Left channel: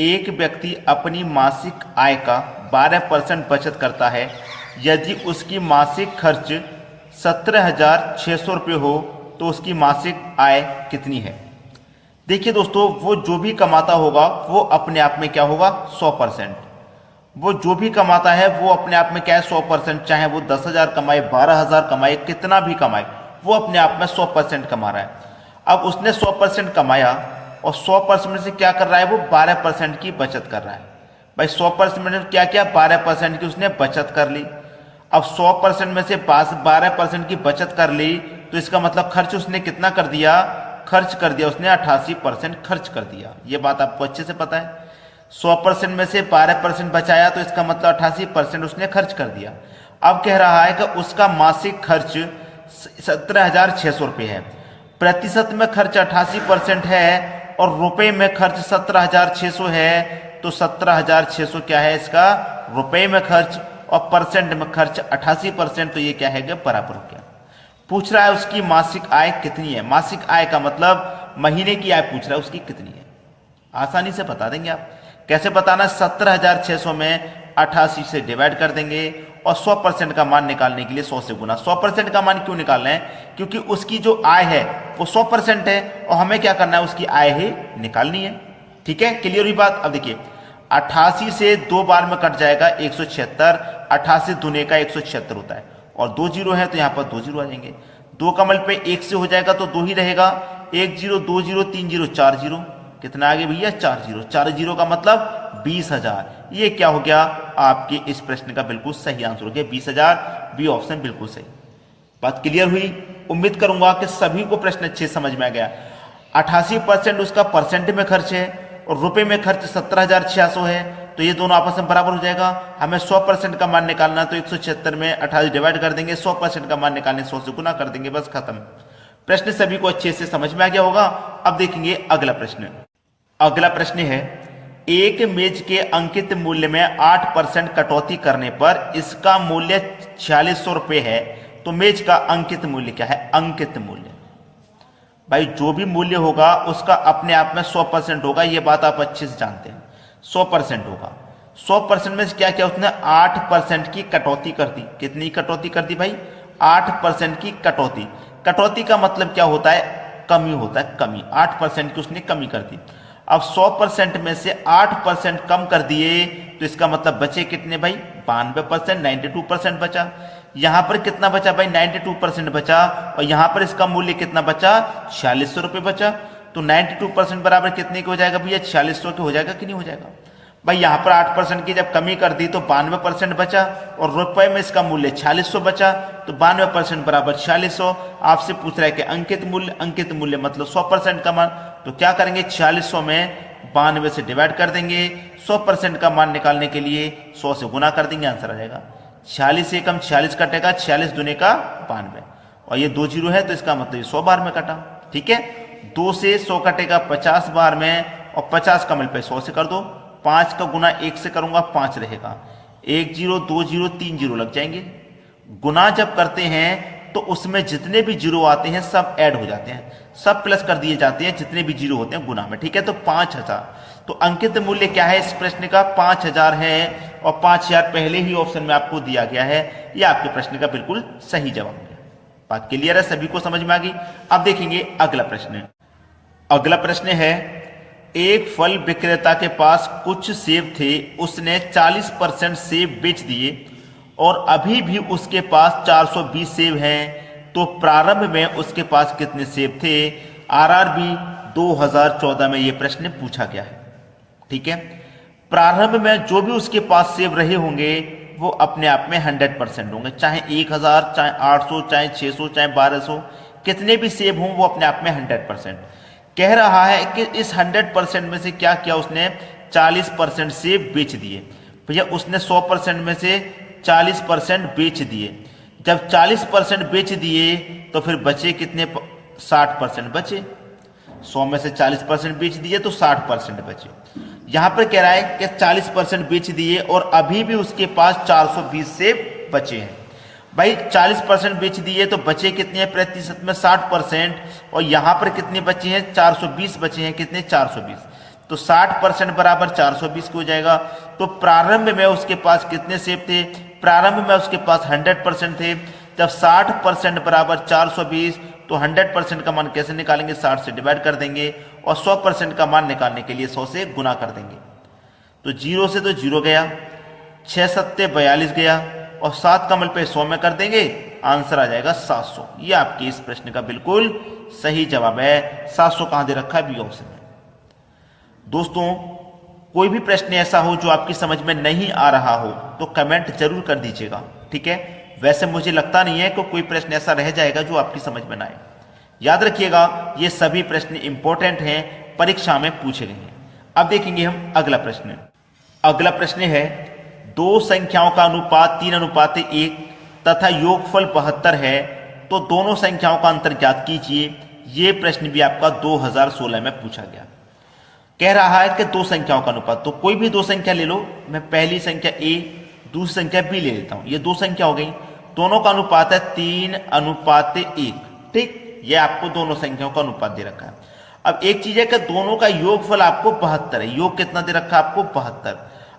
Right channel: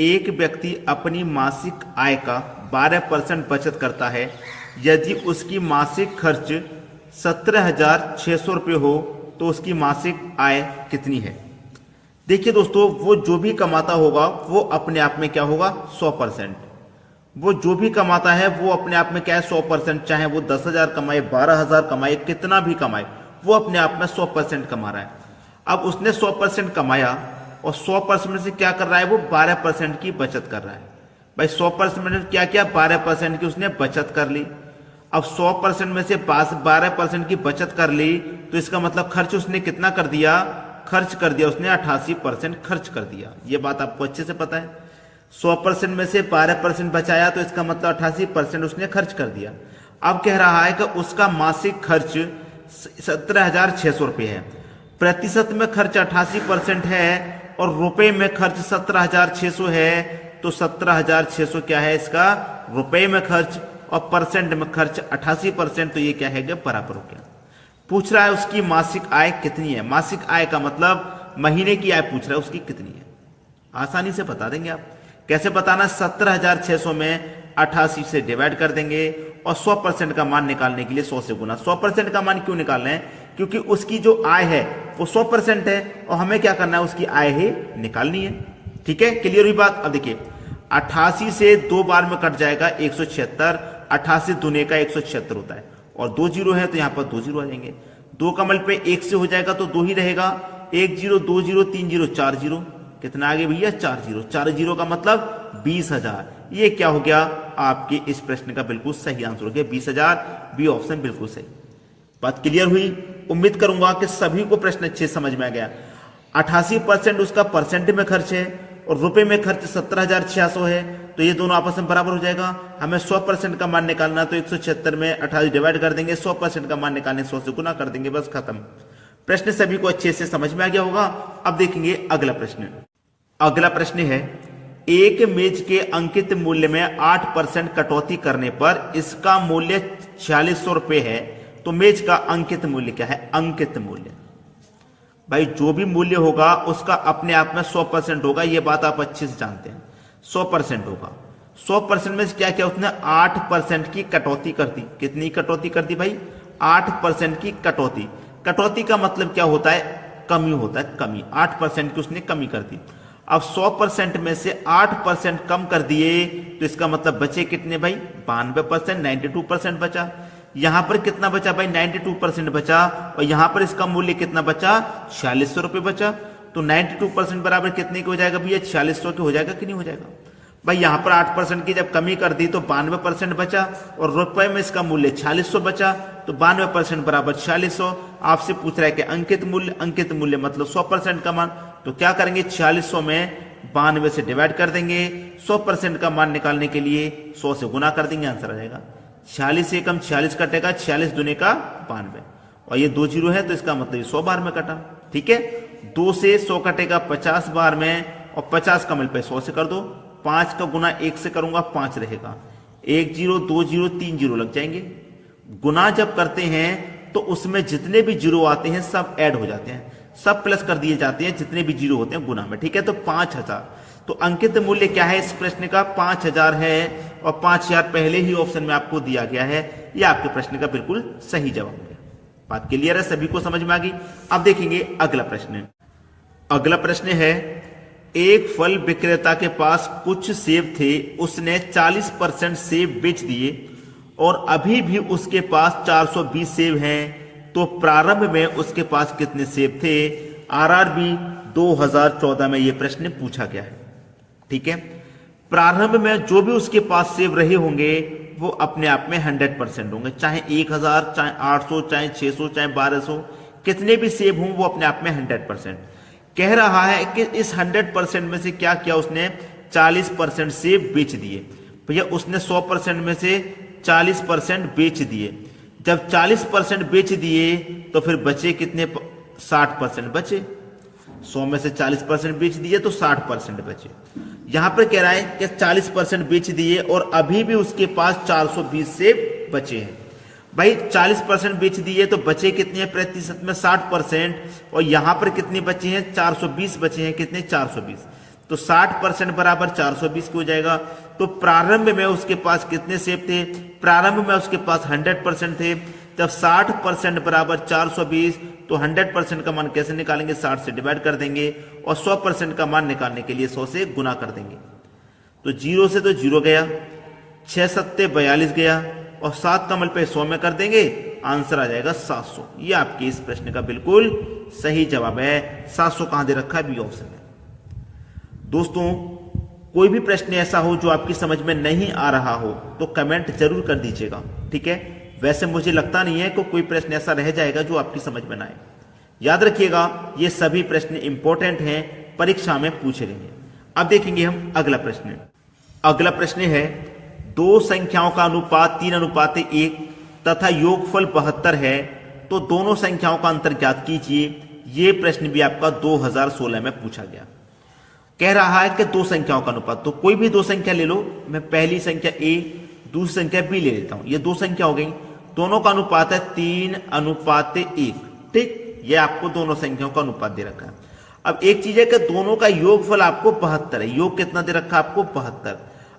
एक व्यक्ति अपनी मासिक आय का 12% बचत करता है। यदि उसकी मासिक खर्च 17,600 रुपये हो तो उसकी मासिक आय कितनी है। देखिए दोस्तों, वो जो भी कमाता होगा वो अपने आप में क्या होगा, 100%। वो जो भी कमाता है वो अपने आप में क्या है, 100%। चाहे वो 10,000 कमाए, 12,000 कमाए, कितना भी कमाए, वो अपने आप में 100% कमा रहा है। अब उसने 100% कमाया और 100% में से क्या कर रहा है, वो 12% की बचत कर रहा है। भाई 100% में क्या किया, 12% की उसने बचत कर ली। अब 100% में से 12% की बचत कर ली तो इसका मतलब खर्च उसने कितना कर दिया, खर्च कर दिया उसने 88% खर्च कर दिया। ये बात आपको अच्छे से पता है। 100% में से 12% बचाया तो इसका मतलब 88% उसने खर्च कर दिया। अब कह रहा है कि उसका मासिक खर्च 17,600 रुपये है। प्रतिशत में खर्च 88% है और रुपए में खर्च 17,600 है, तो 17,600 क्या है इसका रुपए में खर्च और परसेंट में खर्च 88%, तो ये क्या है बराबर हो गया। पूछ रहा है उसकी मासिक आय कितनी है। मासिक आय का मतलब महीने की आय पूछ रहा है उसकी कितनी है। आसानी से बता देंगे आप। कैसे बताना, 17,600 में 88 से डिवाइड कर देंगे और 100% का मान निकालने के लिए 100 से गुना। 100% का मान क्यों निकालना है, क्योंकि उसकी जो आय है वो 100% है और हमें क्या करना है, उसकी आय ही निकालनी है। ठीक है, क्लियर हुई बात। अब देखिए 88 से 2 बार में कट जाएगा 176, 88 दूने का 176 होता है और 2 जीरो है तो यहाँ पर 2 जीरो आ जाएंगे। 2 कमल पे 1 से हो जाएगा तो 2 ही रहेगा। 1 जीरो, 2 जीरो, 3 जीरो, 4 जीरो, कितना आगे भैया 4 जीरो। 4 जीरो का मतलब 20,000। ये क्या हो गया, आपके इस प्रश्न का बिल्कुल सही आंसर हो गया 20,000। बी ऑप्शन बिल्कुल सही। बात क्लियर हुई। उम्मीद करूंगा कि सभी को प्रश्न अच्छे समझ में आ गया। 88% उसका परसेंट में खर्च है और रुपए में खर्च 17,600 है, तो ये दोनों आपस में बराबर हो जाएगा। हमें 100% का मान निकालना, तो 176 में 28 डिवाइड कर देंगे, 100% का मान निकालने 100 से गुना कर देंगे, बस खत्म। प्रश्न सभी को अच्छे से समझ में आ गया होगा। अब देखेंगे अगला प्रश्न। अगला प्रश्न है, एक मेज के अंकित मूल्य में 8% कटौती करने पर इसका मूल्य 4600 रुपये है, तो मेज का अंकित मूल्य क्या है। अंकित मूल्य भाई जो भी मूल्य होगा उसका अपने आप में 100% होगा, ये बात आप अच्छे से जानते हैं। 100% होगा। 100% में क्या क्या उसने 8% की कटौती कर दी। कितनी कटौती कर दी भाई, 8% की कटौती। कटौती का मतलब क्या होता है, कमी होता है, कमी। 8% की उसने कमी कर दी। अब 100% में से 8% कम कर दिए तो इसका मतलब बचे कितने भाई, 92%, 92% बचा। यहां पर कितना बचा भाई, 92% बचा और यहां पर इसका मूल्य कितना बचा, 4600 रुपये बचा। तो 92% बराबर कितने के हो जाएगा भैया, 4600 के हो जाएगा कि नहीं हो जाएगा भाई। यहां पर 8% की जब कमी कर दी तो 92% बचा और रुपए में इसका मूल्य 4600 बचा, तो 92% बराबर 4600। आपसे पूछ रहा है कि अंकित मूल्य, अंकित मूल्य मतलब 100% का मान, तो क्या करेंगे 4600 में 92 से डिवाइड कर देंगे। 100% का मान निकालने के लिए 100 से गुना कर देंगे, आंसर आ जाएगा। 46 से कम 46 कटेगा, 46 दूने का 92 और ये 2 जीरो है तो इसका मतलब ये 100 बार में कटा। ठीक है, 2 से 100 कटेगा 50 बार में और 50 का मल्टीप्लाई 100 से कर दो। 5 का गुना 1 से करूंगा 5 रहेगा। 1 जीरो, 2 जीरो, 3 जीरो लग जाएंगे। गुना जब करते हैं तो उसमें जितने भी जीरो आते हैं सब ऐड हो जाते हैं, सब प्लस कर दिए जाते हैं जितने भी जीरो होते हैं गुना में। ठीक है, तो 5000। तो अंकित मूल्य क्या है इस प्रश्न का, 5000 है और 5000 पहले ही ऑप्शन में आपको दिया गया है। यह आपके प्रश्न का बिल्कुल सही जवाब है। बात क्लियर है, सभी को समझ में आ गई। अब देखेंगे अगला प्रश्न। अगला प्रश्न है, एक फल विक्रेता के पास कुछ सेब थे, उसने 40% सेब बेच दिए और अभी भी उसके पास 420 सेब हैं, तो प्रारंभ में उसके पास कितने सेब थे। आरआरबी 2014 में यह प्रश्न पूछा गया है। ठीक है, प्रारंभ में जो भी उसके पास सेब रहे होंगे वो अपने आप में 100% होंगे, चाहे 1000, चाहे 800, चाहे 600, चाहे 1200, कितने भी सेब हों वो अपने आप में 100%। कह रहा है कि इस 100% में से क्या किया उसने, 40% सेब बेच दिए। भैया उसने 100% में से 40% बेच दिए। जब 40% बेच दिए तो फिर बचे कितने, 60% बचे। 100 में से 40% बेच दिए तो 60% बचे। यहां पर कह रहा है कि 40% बेच दिए और अभी भी उसके पास 420 सेब बचे हैं। भाई 40% बेच दिए तो बचे कितने हैं, प्रतिशत में 60%, और यहां पर कितने बचे हैं, 420 बचे हैं। कितने, 420। तो 60% बराबर 420 की हो जाएगा। तो प्रारंभ में उसके पास कितने सेब थे? प्रारंभ में उसके पास 100% थे। जब 60% बराबर 420, तो 100% का मान कैसे निकालेंगे? 60 से डिवाइड कर देंगे और 100% का मान निकालने के लिए 100 से गुना कर देंगे। तो 0 से तो 0 गया, 6 सत्ते 42 गया और 7 का मल्टीप्लाई 100 में कर देंगे, आंसर आ जाएगा 700। ये आपके इस प्रश्न का बिल्कुल सही जवाब है। 700 कहां दे रखा है? बी ऑप्शन में। दोस्तों, कोई भी प्रश्न ऐसा हो जो आपकी समझ में नहीं आ रहा हो तो कमेंट जरूर कर दीजिएगा, ठीक है। वैसे मुझे लगता नहीं है कि कोई प्रश्न ऐसा रह जाएगा जो आपकी समझ में ना आए। याद रखिएगा, ये सभी प्रश्न इंपॉर्टेंट हैं, परीक्षा में पूछे गए हैं। अब देखेंगे हम अगला प्रश्न। अगला प्रश्न है, दो संख्याओं का अनुपात 3:1 तथा योगफल 72 है, तो दोनों संख्याओं का अंतर ज्ञात कीजिए। ये प्रश्न भी आपका 2016 में पूछा गया। कह रहा है कि दो संख्याओं का अनुपात, तो कोई भी दो संख्या ले लो। मैं पहली संख्या ए, दूसरी संख्या बी ले लेता हूं। ये दो संख्या हो गई, दोनों का अनुपात है 3:1, ठीक। ये आपको दोनों संख्याओं का अनुपात दे रखा है। अब एक चीज है कि दोनों का योगफल आपको 72 है। योग कितना दे रखा है आपको? 72।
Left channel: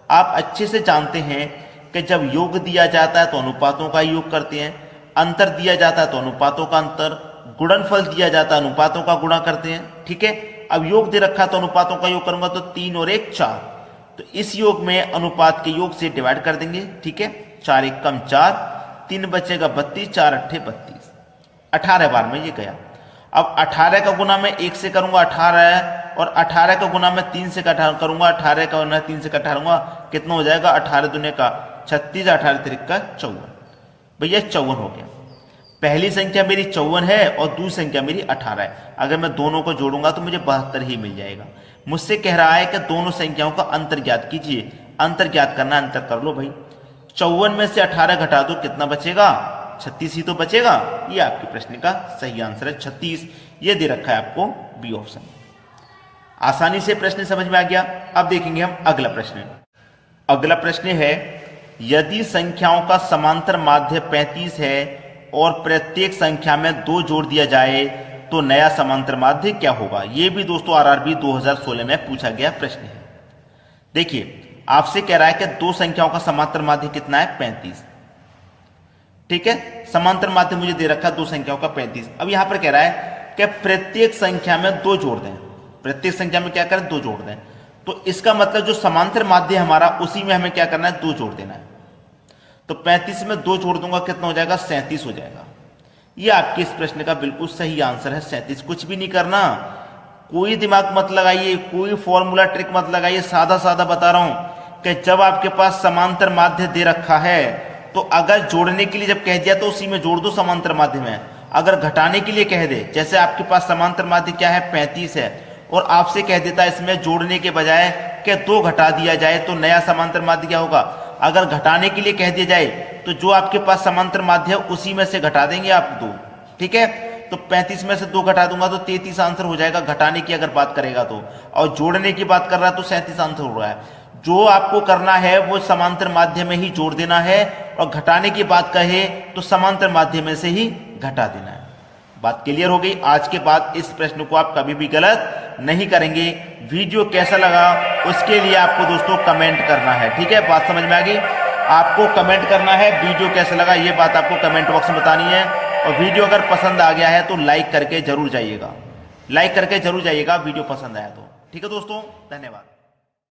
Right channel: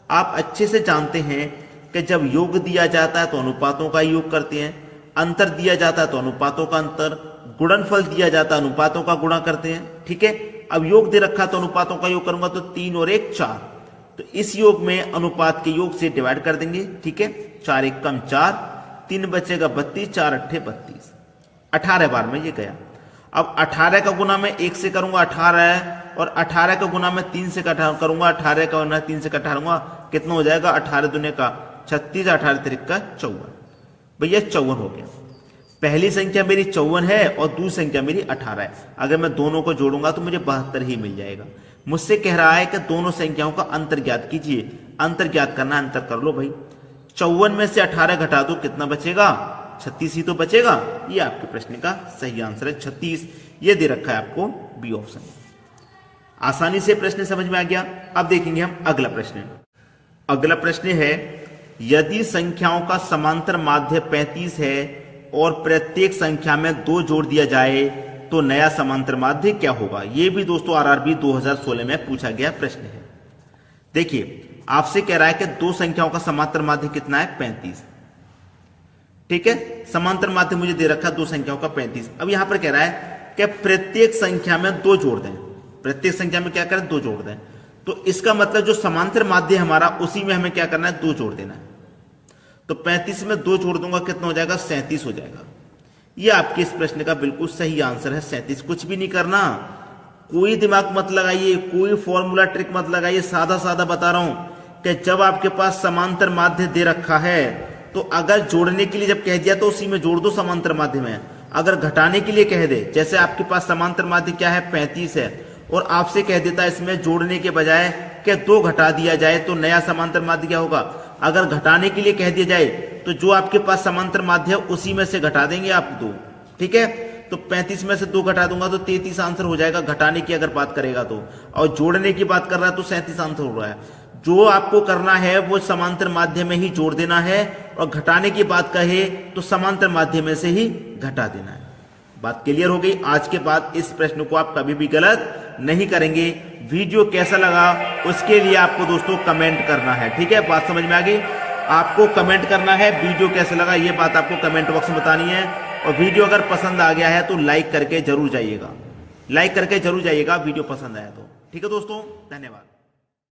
आप अच्छे से जानते हैं कि जब योग दिया जाता है तो अनुपातों का योग करते हैं, अंतर दिया जाता है तो अनुपातों का अंतर, गुणनफल दिया जाता है अनुपातों का गुणा करते हैं, ठीक है। अब योग दे रखा तो अनुपातों का योग करूंगा तो 3 और 1 4, तो इस योग में अनुपात के योग से डिवाइड कर देंगे, ठीक है। 4 1 कम 4, 3 बचेगा 32, 4 8 32, 18 बार में ये गया। अब 18 का गुना मैं 1 से करूंगा 18 है, और 18 का गुना मैं 3 से करूंगा, 18 का गुना 3 से करूंगा, कितना हो जाएगा? 18 दूने का 36, 18 3 का 54। भैया 54 हो गया। पहली संख्या मेरी 54 है और दूसरी संख्या मेरी 18 है। अगर मैं दोनों को जोड़ूंगा तो मुझे 72 ही मिल जाएगा। मुझसे कह रहा है कि दोनों संख्याओं का अंतर ज्ञात कीजिए। अंतर ज्ञात करना, अंतर कर लो भाई। 54 में से 18 घटा दो, कितना बचेगा? 36 ही तो बचेगा। ये आपके प्रश्न का सही आंसर है, 36। ये दे रखा है आपको बी ऑप्शन। आसानी से प्रश्न समझ में आ गया। अब देखेंगे हम अगला प्रश्न। अगला प्रश्न है, यदि संख्याओं का समांतर माध्य 35 है और प्रत्येक संख्या में 2 जोड़ दिया जाए तो नया समांतर माध्य क्या होगा? यह भी दोस्तों आरआरबी 2016 में पूछा गया प्रश्न है। देखिए, आपसे कह रहा है कि दो संख्याओं का समांतर माध्य कितना है? 35, ठीक है। समांतर माध्य मुझे दे रखा है दो संख्याओं का 35। अब यहां पर कह रहा है कि प्रत्येक संख्या में 2 जोड़ दें। प्रत्येक संख्या में क्या करें? 2 जोड़ दें। तो इसका मतलब जो समांतर माध्य हमारा, उसी में हमें क्या करना है? 2 जोड़ देना है। तो 35 में 2 जोड़ दूंगा, कितना हो जाएगा? 37 हो जाएगा। ये आपके इस प्रश्न का बिल्कुल सही आंसर है, 37। कुछ भी नहीं करना, कोई दिमाग मत लगाइए, कोई फॉर्मूला ट्रिक मत लगाइए, सादा सादा बता रहा हूं कि जब आपके पास समांतर माध्य दे रखा है तो अगर जोड़ने के लिए जब कह दिया तो उसी में जोड़ दो समांतर माध्य में। अगर घटाने के लिए कह दे, जैसे आपके पास समांतर माध्य क्या है? 35 है, और आपसे कह देता इसमें जोड़ने के बजाय कि 2 घटा दिया जाए तो नया समांतर माध्य क्या होगा? अगर घटाने के लिए कह दिया जाए तो जो आपके पास समांतर माध्य है उसी में से घटा देंगे आप 2, ठीक है। तो 35 में से 2 घटा दूंगा तो 33 आंसर हो जाएगा, घटाने की अगर बात करेगा तो। और जोड़ने की बात कर रहा है तो 37 आंसर हो रहा है। जो आपको करना है वो समांतर माध्य में ही जोड़ देना है, और घटाने की बात कहे तो समांतर माध्य में से ही घटा देना है। बात क्लियर हो गई। आज के बाद इस प्रश्न को आप कभी भी गलत नहीं करेंगे। वीडियो कैसा लगा उसके लिए आपको दोस्तों कमेंट करना है, ठीक है। बात समझ में आ गई? आपको कमेंट करना है वीडियो कैसा लगा, ये बात आपको कमेंट बॉक्स में बतानी है। और वीडियो अगर पसंद आ गया है तो लाइक करके जरूर जाइएगा, लाइक करके जरूर जाइएगा वीडियो पसंद आया तो, ठीक है दोस्तों। धन्यवाद।